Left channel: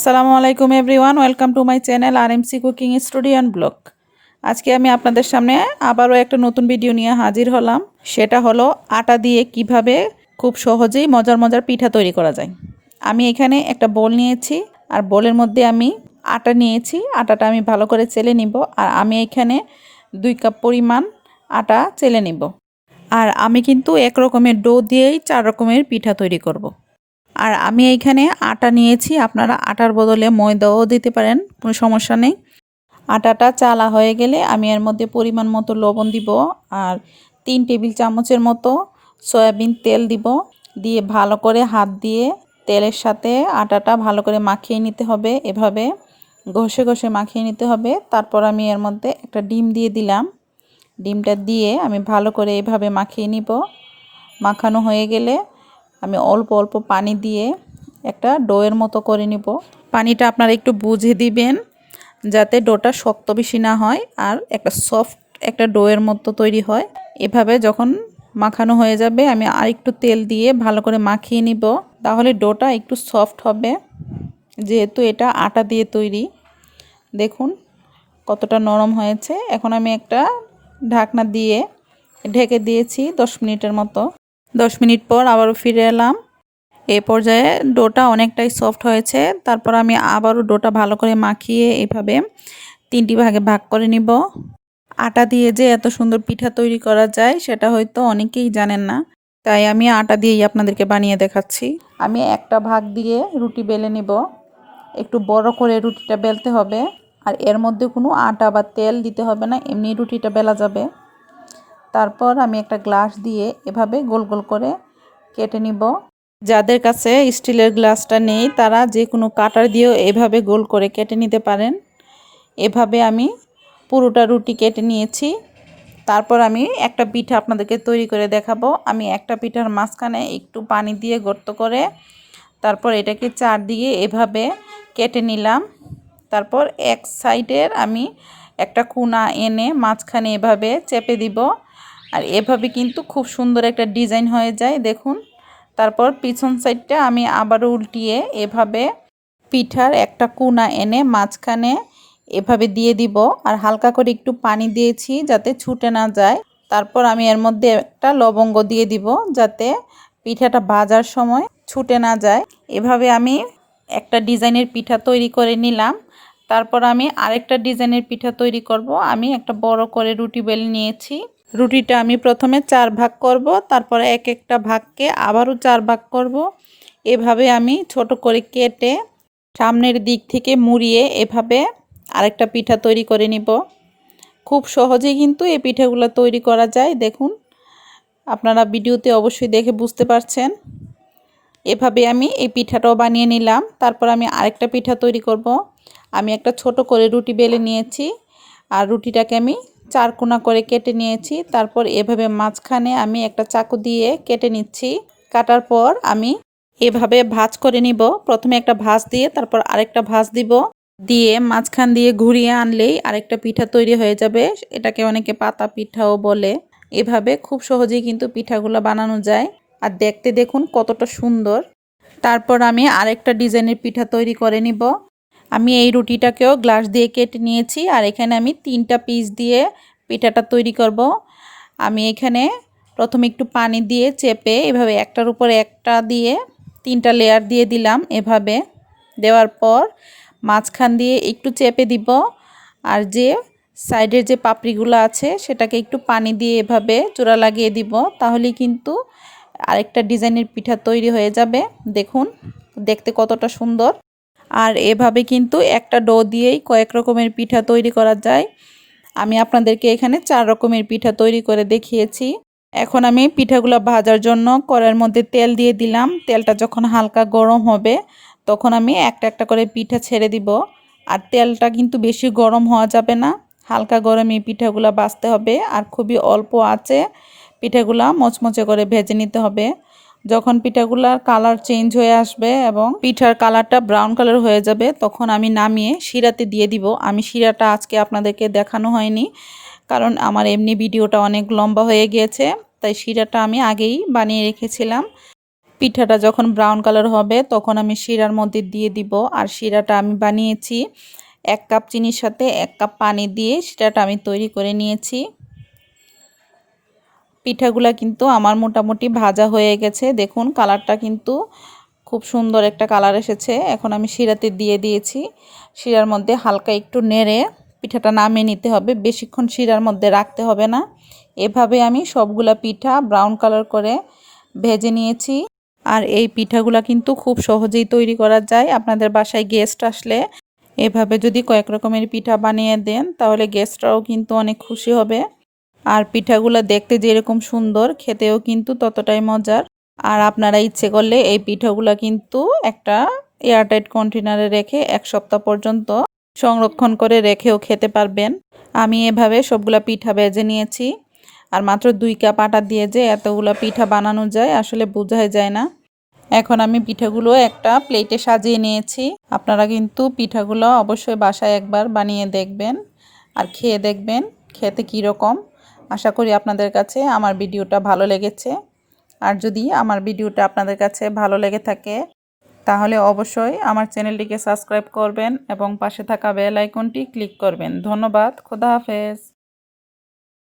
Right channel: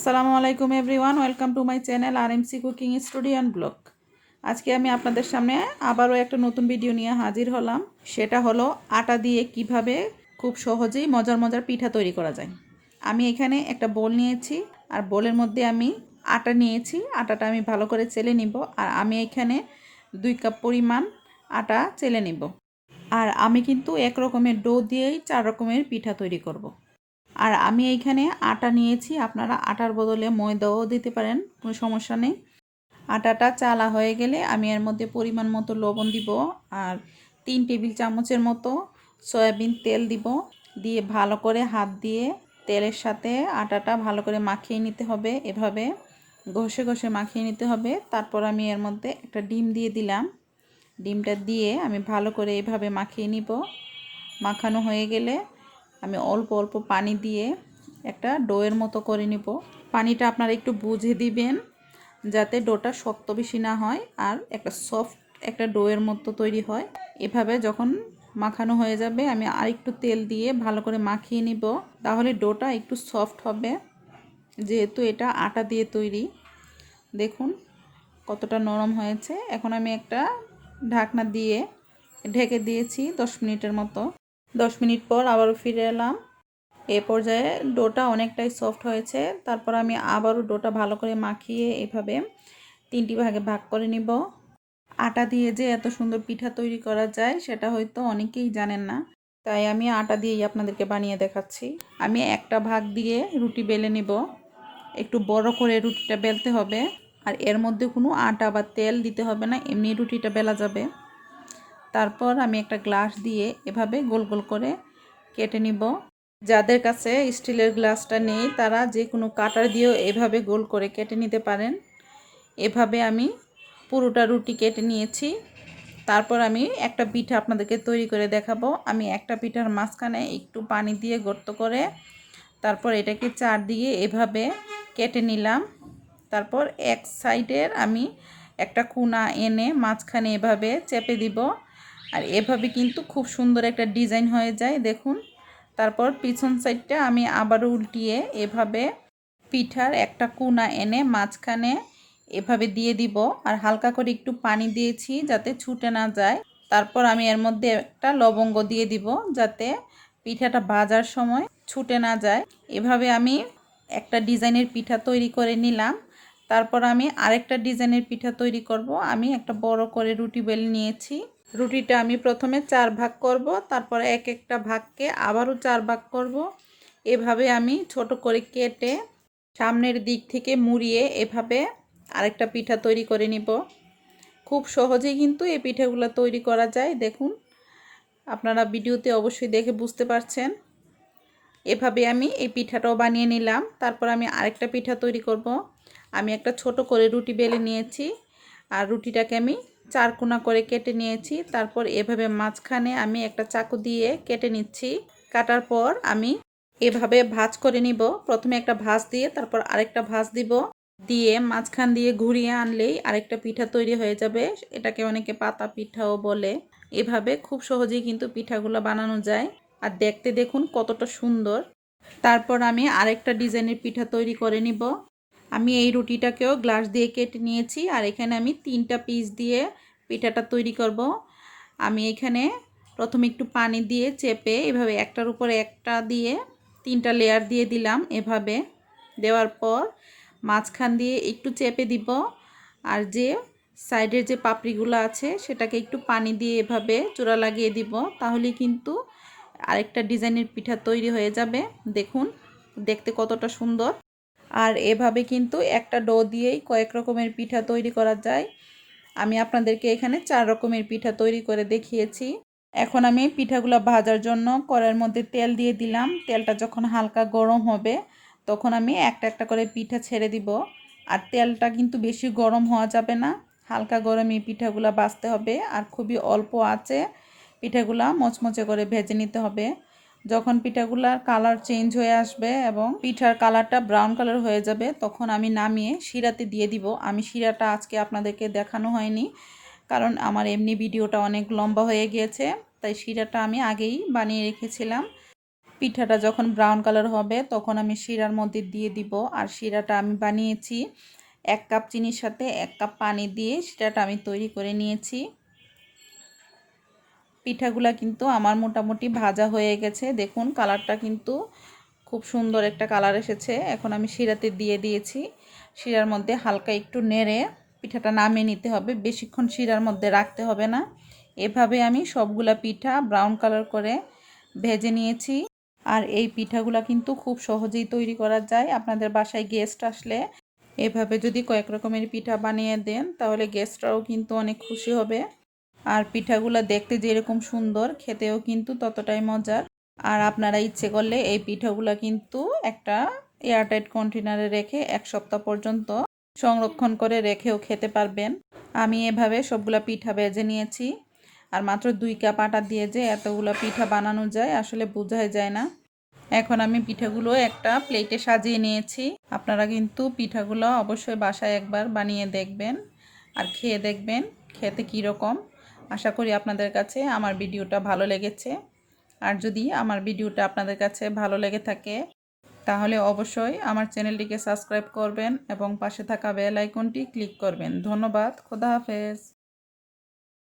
আসসালামু আলাইকুম everyone, welcome to my channel RMC cooking studio and blog. আজকে আমি আপনাদের সামনে আবারও একটা নতুন ভিডিও নিয়ে হাজির হলাম। সেটা হলো আটা দিয়ে কিভাবে খুব সহজেই মজার মজার পিঠা তৈরি করা যায়। আমি এখানে একটা বোল নিয়েছি, আর বোলের মধ্যে আমি আটা নিয়েছি। আটাটা আমি ভালো করে চেলে নিব, আর আমি এখানে 2 কাপ পরিমাণ আটা চেলে নিব। আর আমি কিন্তু এক রকমের ডো দিয়েই 4 রকমের পিঠা তৈরি করব। আর আমি এইখানে আটা নিয়েছি, আপনারা আটার বদলে ময়দাও দিতে পারেন, কোনো সমস্যা নেই। আটাটা চালা হয়ে গেলে আমি এর মধ্যে পরিমাণ মতো লবণ দিব, আর 3 টেবিল চামচের মতো সয়াবিন তেল দিব। দিয়ে ভালো করে হাত দিয়ে তেলের সাথে আটাটা ভালো করে মাখিয়ে নিতে হবে, এভাবে ঘষে ঘষে মাখিয়ে নিতে হবে। তারপর আমি এর মধ্যে একটা ডিম দিয়ে দিলাম। ডিমটা দিয়ে আমি ভালো করে এভাবে মাখিয়ে নিব। মাখানো হয়ে গেলে আমি অল্প অল্প পানি দিয়ে একটা ডোয়ের মতো করে নিব। পানিটা আপনারা একটু বুঝে দিবেন, যাতে ডোটা শক্ত বেশি না হয় আর একটা সফট একটা ডোয়ের মতো তৈরি হয়। এভাবে যখন মাখানো হয়ে যাবে আমি আরেকটু তেল দিয়ে ভালো করে মাখিয়ে নিব, তাহলে ডোটা একটু সফট হবে, যেহেতু এটা আটা দিয়ে তৈরি। দেখুন কতটা নরম হয়েছে। এখন আমি একটা ঢাকনা দিয়ে ঢেকে দিয়েছি 10 মিনিটের মতো। 10 মিনিট পর আবারও ফিরে এলাম। এই পর্যায়ে ডোটা অনেকটাই সফট হয়েছে। তারপর আমি আবারও ডোটা ভালো করে মাখিয়ে এভাবে 3টি ভাগে ভাগ করে নিব। আটা দিয়ে যে এত সুন্দর পিঠা তৈরি করা যায় সেটা হয়তো অনেকেই জানেন না, তাই আমি আটা দিয়েই আপনাদেরকে বানিয়ে দেখাচ্ছি। আমি একটা ভাগ দিয়ে রুটি বেলে নিব। একটু বড় করে রুটিটা বেলতে হবে, আর এর মধ্যে কোনো আটা বা তেল দিতে হবে না, এমনি রুটিটা বেলা যাবে। তারপর আমি একটা গ্লাস দিয়ে এভাবে গোল গোল করে কেটে নিব। যাদের কাছে স্টিলের গ্লাসটা নেই তারা যে কোনো কাটার দিয়েও এভাবে গোল করে কেটে নিতে পারেন। এভাবে আমি পুরোটা রুটি কেটে নিয়েছি। তারপর আমি একটা পিঠা আপনাদেরকে তৈরি করে দেখাবো। আমি একটা পিঠার মাঝখানে একটু পানি দিয়ে গর্ত করে তারপর এটাকে চারদিকে এভাবে কেটে নিলাম। তারপর এক সাইডের আমি একটা কোনা এনে মাঝখানে এভাবে চেপে দিব, আর এভাবে কিন্তু খুব সুন্দর একটা ডিজাইন হয়ে যায়, দেখুন। তারপর পিছন সাইডটা আমি আবারও উল্টিয়ে এভাবে পিঠার একটা কোনা এনে মাঝখানে এভাবে দিয়ে দিব, আর হালকা করে একটু পানি দিয়েছি যাতে ছুটে না যায়। তারপর আমি এর মধ্যে একটা লবঙ্গ দিয়ে দিব, যাতে পিঠাটা ভাজার সময় ছুটে না যায়। এভাবে আমি একটা ডিজাইনের পিঠা তৈরি করে নিলাম। তারপর আমি আরেকটা ডিজাইনের পিঠা তৈরি করব। আমি একটা বড় করে রুটি বেলে নিয়েছি। রুটিটা আমি প্রথমে 4 ভাগ করব, তারপরে এক একটা ভাগকে আবারও 4 ভাগ করব। এভাবে আমি ছোট করে কেটে সামনের দিক থেকে মুড়িয়ে এভাবে আরেকটা পিঠা তৈরি করে নিব। খুব সহজেই কিন্তু এই পিঠাগুলো তৈরি করা যায়, দেখুন। আপনারা ভিডিওতে অবশ্যই দেখে বুঝতে পারছেন। এভাবে আমি এই পিঠাটাও বানিয়ে নিলাম। তারপর আমি আরেকটা পিঠা তৈরি করব। আমি একটা ছোট করে রুটি বেলে নিয়েছি, আর রুটিটাকে আমি 4 কোনা করে কেটে নিয়েছি। তারপর এভাবে মাঝখানে আমি একটা চাকু দিয়ে কেটে নিচ্ছি। কাটার পর আমি এভাবে ভাঁজ করে নিব। প্রথমে একটা ভাঁজ দিয়ে তারপর আরেকটা ভাঁজ দিব, দিয়ে মাঝখান দিয়ে ঘুরিয়ে আনলেই আরেকটা পিঠা তৈরি হয়ে যাবে। এটাকে অনেকে পাতা পিঠাও বলে। এভাবে খুব সহজেই কিন্তু পিঠাগুলো বানানো যায়, আর দেখতে দেখুন কতটা সুন্দর। তারপর আমি আরেকটা ডিজাইনের পিঠা তৈরি করে নিব। আমি এই রুটিটাকেও গ্লাস দিয়ে কেটে নিয়েছি, আর এখানে আমি 3টা পিস দিয়ে পিঠাটা তৈরি করব। আমি এখানে প্রথমে একটু পানি দিয়ে চেপে এভাবে একটার উপর একটা দিয়ে 3টা লেয়ার দিয়ে দিলাম। এভাবে দেওয়ার পর মাঝখান দিয়ে একটু চেপে দিব, আর যে সাইডের যে পাপড়িগুলো আছে সেটাকে একটু পানি দিয়ে এভাবে চূড়া লাগিয়ে দিব, তাহলেই কিন্তু আরেকটা ডিজাইনের পিঠা তৈরি হয়ে যাবে। দেখুন দেখতে কতটা সুন্দর। আর এভাবে কিন্তু একটা ডো দিয়েই কয়েক রকমের পিঠা তৈরি করা যায়। আমি আপনাদেরকে এখানে 4 রকমের পিঠা তৈরি করে দেখিয়েছি। এখন আমি পিঠাগুলো ভাজার জন্য কড়াইয়ের মধ্যে তেল দিয়ে দিলাম। তেলটা যখন হালকা গরম হবে তখন আমি একটা একটা করে পিঠা ছেড়ে দিব। আর তেলটা কিন্তু বেশি গরম হওয়া যাবে না, হালকা গরমে পিঠাগুলো ভাজতে হবে, আর খুবই অল্প আঁচে পিঠাগুলো মচমচে করে ভেজে নিতে হবে। যখন পিঠাগুলার কালার চেঞ্জ হয়ে আসবে এবং পিঠার কালারটা ব্রাউন কালার হয়ে যাবে, তখন আমি নামিয়ে শিরাতে দিয়ে দিব। আমি শিরাটা আজকে আপনাদেরকে দেখানো হয়নি, কারণ আমার এমনি ভিডিওটা অনেক লম্বা হয়ে গিয়েছে, তাই শিরাটা আমি আগেই বানিয়ে রেখেছিলাম। পিঠাটা যখন ব্রাউন কালার হবে তখন আমি শিরার মধ্যে দিয়ে দিব। আর শিরাটা আমি বানিয়েছি 1 কাপ চিনির সাথে 1 কাপ পানি দিয়ে শিরাটা আমি তৈরি করে নিয়েছি। পিঠাগুলা কিন্তু আমার মোটামুটি ভাজা হয়ে গেছে। দেখুন কালারটা কিন্তু খুব সুন্দর একটা কালার এসেছে। এখন আমি শিরাতে দিয়ে দিয়েছি। শিরার মধ্যে হালকা একটু নেড়ে পিঠাটা নামিয়ে নিতে হবে, বেশিক্ষণ শিরার মধ্যে রাখতে হবে না। এভাবে আমি সবগুলা পিঠা ব্রাউন কালার করে ভেজে নিয়েছি। আর এই পিঠাগুলা কিন্তু খুব সহজেই তৈরি করা যায়। আপনাদের বাসায় গেস্ট আসলে এভাবে যদি কয়েক রকমের পিঠা বানিয়ে দেন তাহলে গেস্টরাও কিন্তু অনেক খুশি হবে। আর পিঠাগুলো দেখতে যেরকম সুন্দর, খেতেও কিন্তু ততটাই মজার। আর আপনারা ইচ্ছে করলে এই পিঠাগুলো কিন্তু একটা এয়ারটাইট কন্টেনারে রেখে 1 সপ্তাহ পর্যন্ত সংরক্ষণ করে রেখেও খেতে পারবেন। আমি এভাবে সবগুলা পিঠা ভেজে নিয়েছি। আর মাত্র 2 কাপ আটা দিয়ে যে এতগুলো পিঠা বানানো যায় আসলে বোঝাই যায় না। এখন আমি পিঠাগুলো একটা প্লেটে সাজিয়ে নিয়েছি। আপনারা কিন্তু পিঠাগুলো অবশ্যই বাসায় একবার বানিয়ে দেখবেন আর খেয়ে দেখবেন খেতে কীরকম। আশা করি আপনাদের কাছে আমার ভিডিওটা ভালো লেগেছে। আর যদি আমার ভিডিওটা আপনাদের কাছে ভালো লেগে থাকে তাহলে অবশ্যই আমার চ্যানেলটিকে সাবস্ক্রাইব করবেন এবং পাশে থাকা বেল আইকনটি ক্লিক করবেন। ধন্যবাদ। খোদা হাফেজ।